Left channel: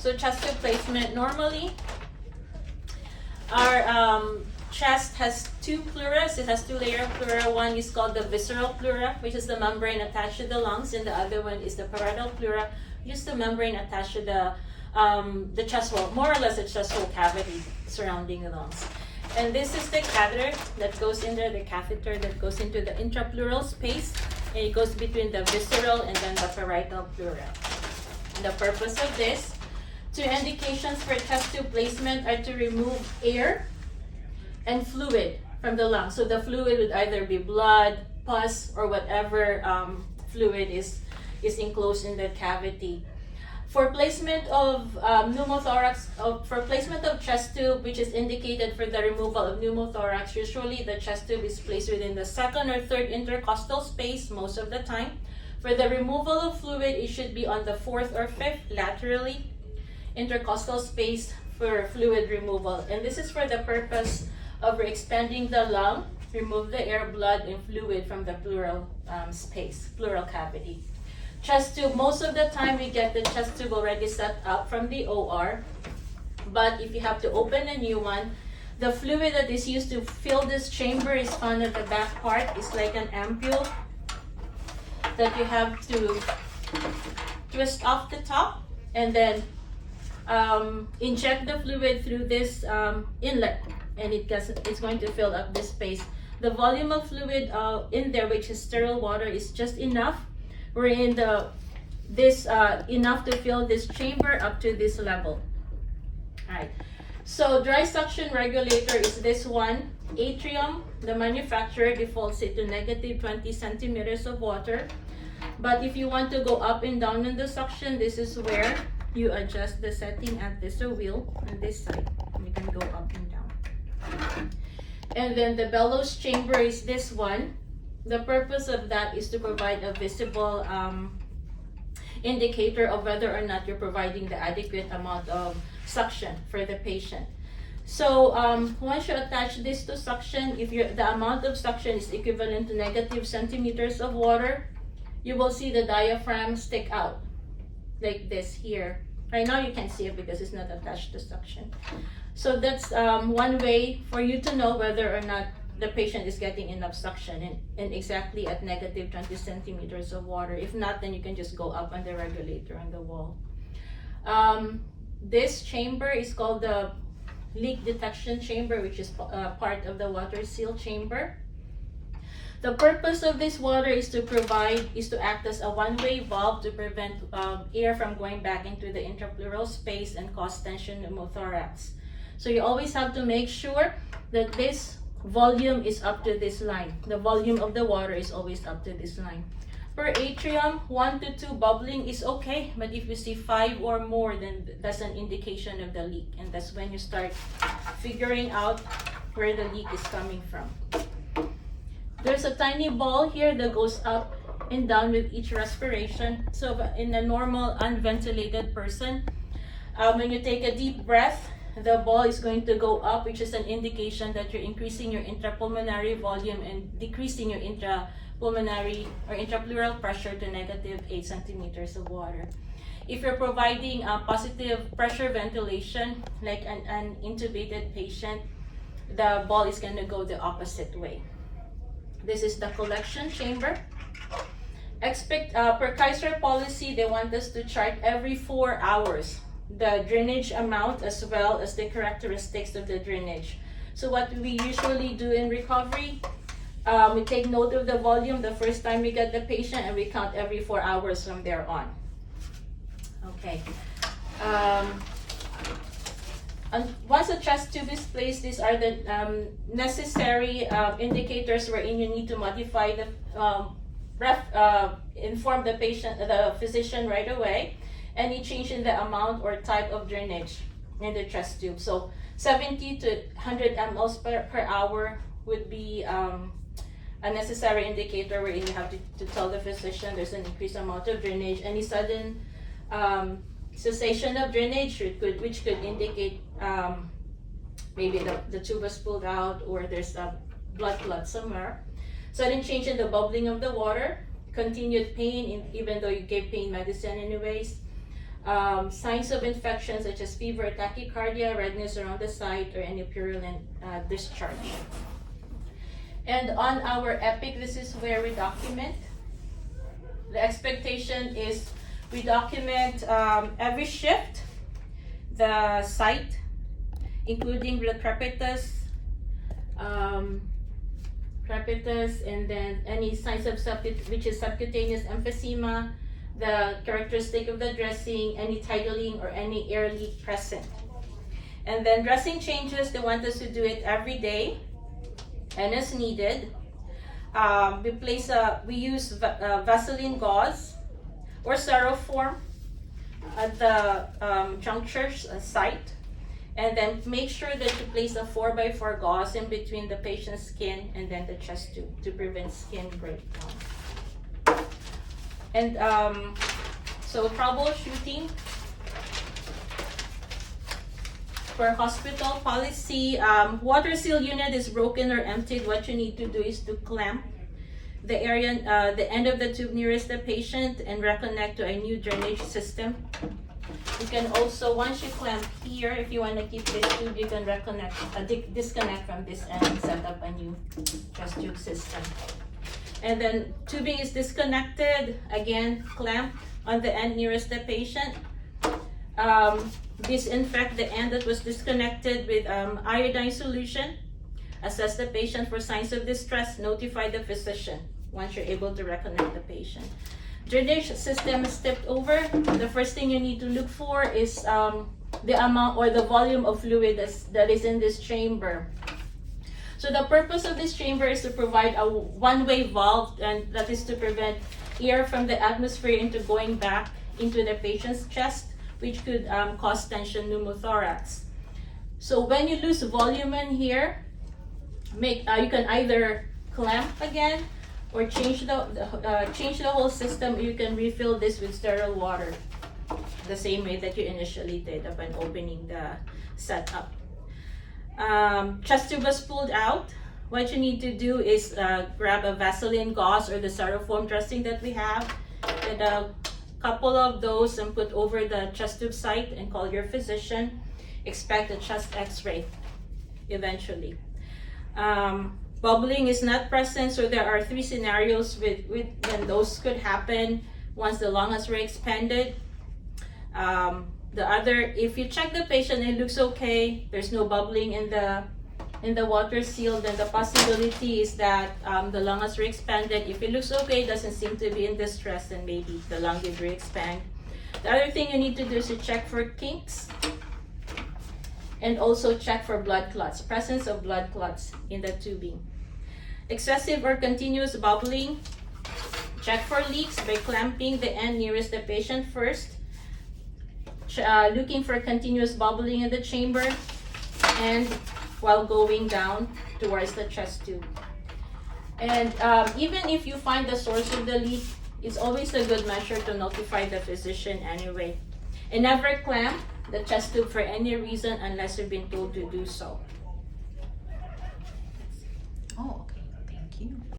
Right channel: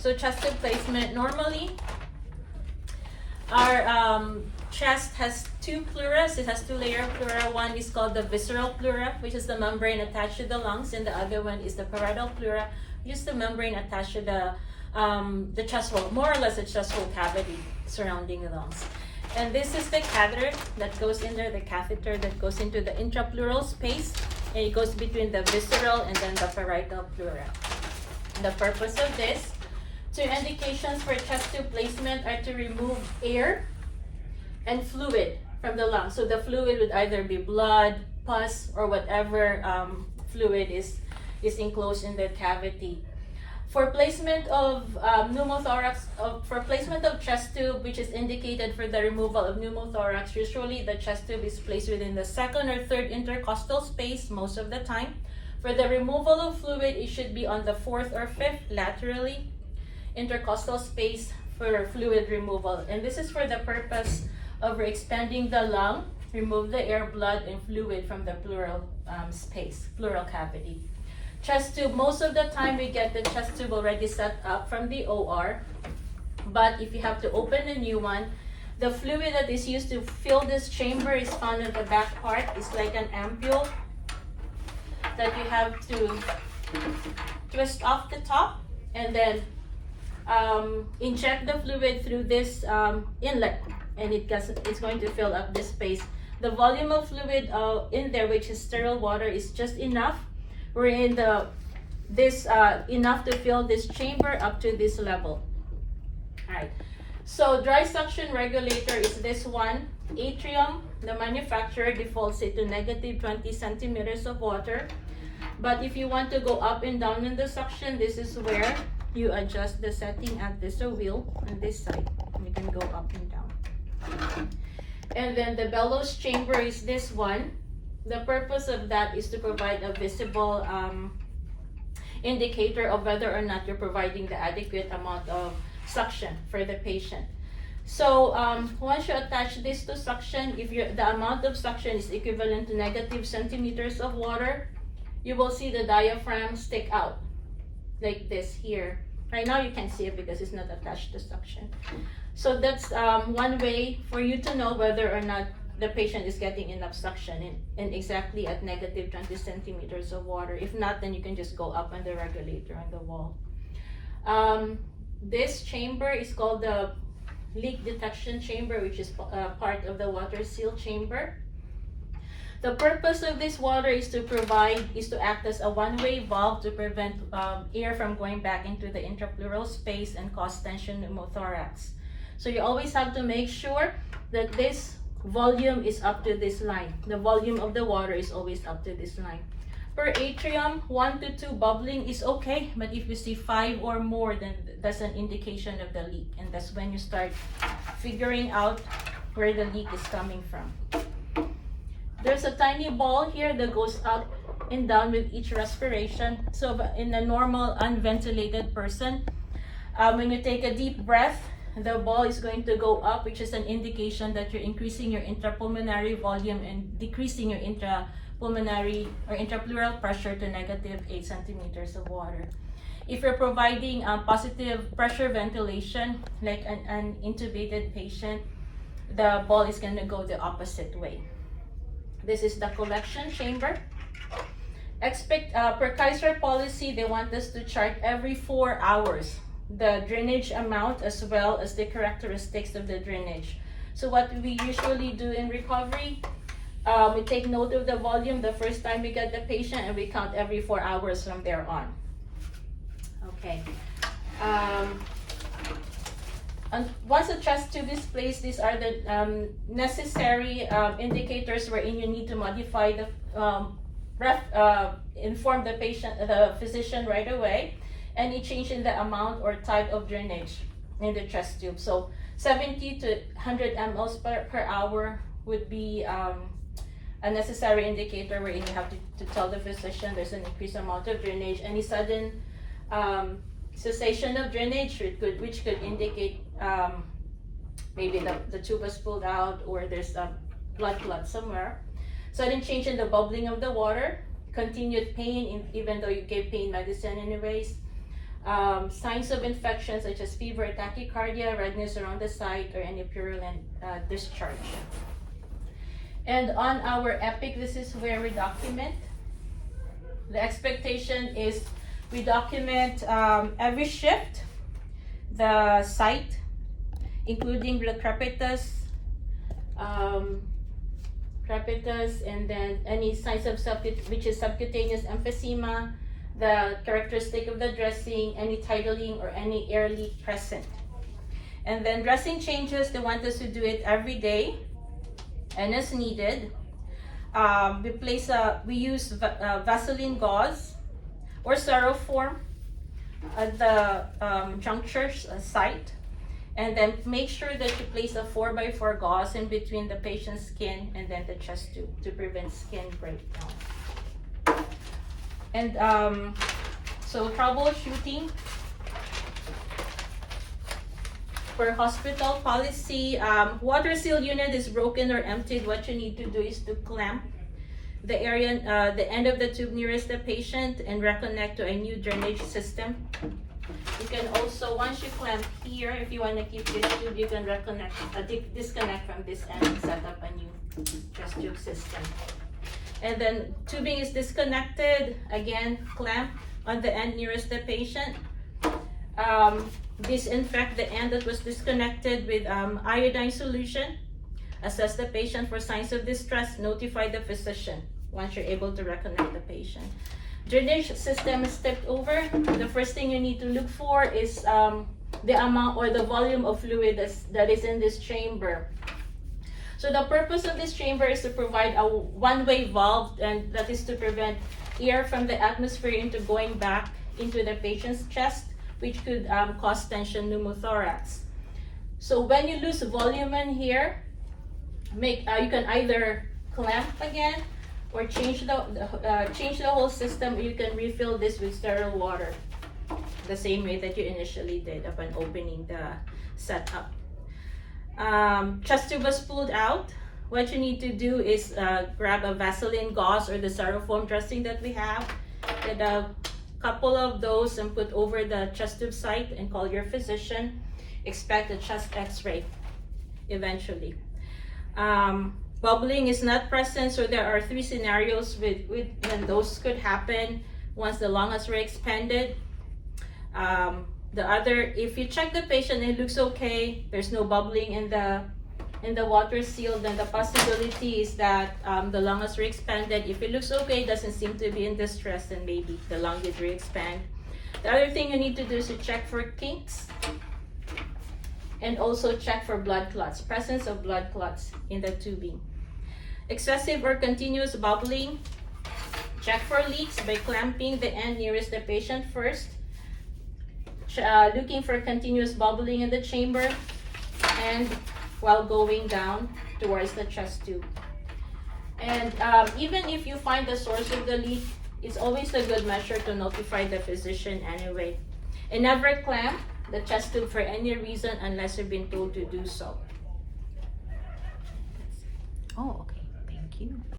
So chest tube placement, normally our chest has two pleuras. It has two-layer pleura. One is called the visceral pleura, which is the membrane attached to the lungs, and the other one is the parietal pleura, which is the membrane attached to the chest wall, more or less the chest wall cavity surrounding the lungs. And this is the catheter that goes in there, the catheter that goes into the intrapleural space, and it goes between the visceral and then the parietal pleura. The purpose of this, two indications for chest tube placement are to remove air and fluid from the lungs. So the fluid would either be blood, pus, or whatever fluid is enclosed in the cavity. For placement of pneumothorax, for placement of chest tube, which is indicated for the removal of pneumothorax, usually the chest tube is placed within the second or third intercostal space most of the time. For the removal of fluid, it should be on the fourth or fifth laterally intercostal space for fluid removal. And this is for the purpose of expanding the lung, remove the air, blood, and fluid from the pleural space, pleural cavity. Chest tube, most of the time we get the chest tube already set up from the OR, but if you have to open a new one, the fluid that is used to fill this chamber is found in the back part. It's like an ampule that you have to twist off the top and then inject the fluid through this inlet, and it's going to fill up this space. The volume of fluid in there, which is sterile water, is just enough. We're in enough to fill this chamber up to this level. All right. So dry suction regulator is this one. Atrium, the manufacturer defaults it to -20 centimeters of water. But if you want to go up and down in the suction, this is where you adjust the setting at this wheel on this side. You can go up and down. And then the bellows chamber is this one. The purpose of that is to provide a visible indicator of whether or not you're providing the adequate amount of suction for the patient. So once you attach this to suction, if the amount of suction is equivalent to -, centimeters of water, you will see the diaphragm stick out like this here. Right now you can't see it because it's not attached to suction. So that's one way for you to know whether or not the patient is getting enough suction and exactly at -20 centimeters of water. If not, then you can just go up on the regulator on the wall. This chamber is called the leak detection chamber, which is part of the water seal chamber. The purpose of this water is to act as a one-way valve to prevent air from going back into the intrapleural space and cause tension pneumothorax. So you always have to make sure that this volume is up to this line. The volume of the water is always up to this line. Per atrium, 1 to 2 bubbling is okay, but if you see 5 or more, then that's an indication of the leak, and that's when you start figuring out where the leak is coming from. There's a tiny ball here that goes up and down with each respiration. So in a normal unventilated person, when you take a deep breath, the ball is going to go up, which is an indication that you're increasing your intrapulmonary volume and decreasing your intrapulmonary or intrapleural pressure to -8 centimeters of water. If you're providing positive pressure ventilation, like an intubated patient, the ball is going to go the opposite way. This is the collection chamber. Per Kaiser policy, they want us to chart every 4 hours the drainage amount as well as the characteristics of the drainage. So what we usually do in recovery, we take note of the volume the first time we get the patient, and we count every 4 hours from there on. Okay. And once a chest tube is placed, these are the necessary indicators wherein you need to modify the inform the patient, the physician right away. Any change in the amount or type of drainage in the chest tube. So 70 to 100 mL per hour would be a necessary indicator where you have to tell the physician there's an increased amount of drainage. Any sudden cessation of drainage, which could indicate maybe the tube was pulled out or there's a blood clot somewhere. Sudden change in the bubbling of the water, continued pain even though you gave pain medicine anyways. Signs of infection such as fever, tachycardia, redness around the site, or any purulent discharge. And on our EPIC, this is where we document. The expectation is we document every shift, the site, including the crepitus, and then any signs of which is subcutaneous emphysema, the characteristic of the dressing, any titling or any air leak present. And then dressing changes, they want us to do it every day and as needed. We use Vaseline gauze or styrofoam at the junctures site. And then make sure that you place a 4x4 gauze in between the patient's skin and then the chest tube to prevent skin breakdown. And so troubleshooting for hospital policy, water seal unit is broken or emptied. What you need to do is to clamp the area, the end of the tube nearest the patient and reconnect to a new drainage system. You can also, once you clamp here, if you want to keep this tube, you can disconnect from this end and set up a new chest tube system. And then tubing is disconnected, again, clamp on the end nearest the patient. Disinfect the end that was disconnected with iodine solution. Assess the patient for signs of distress. Notify the physician once you're able to reconnect the patient. Drainage system is tipped over. The first thing you need to look for is the amount or the volume of fluid that is in this chamber. So the purpose of this chamber is to provide a one-way valve, and that is to prevent air from the atmosphere into going back into the patient's chest, which could cause tension pneumothorax. So when you lose volume in here, you can either clamp again or change the whole system. You can refill this with sterile water, the same way that you initially did upon opening the setup. Chest tube was pulled out. What you need to do is grab a Vaseline gauze or the styrofoam dressing that we have, and a couple of those, and put over the chest tube site and call your physician. Expect a chest x-ray eventually. Bubbling is not present, so there are 3 scenarios with when those could happen. Once the lung has re-expanded. If you check the patient and it looks okay, there's no bubbling in the water seal, then the possibility is that the lung has re-expanded. If it looks okay, doesn't seem to be in distress, then maybe the lung did re-expand. The other thing you need to do is to check for kinks and also check for blood clots, presence of blood clots in the tubing. Excessive or continuous bubbling, check for leaks by clamping the end nearest the patient first. Looking for continuous bubbling in the chamber and while going down towards the chest tube. And even if you find the source of the leak, it's always a good measure to notify the physician anyway. And never clamp the chest tube for any reason unless you've been told to do so. Oh, okay. Thank you.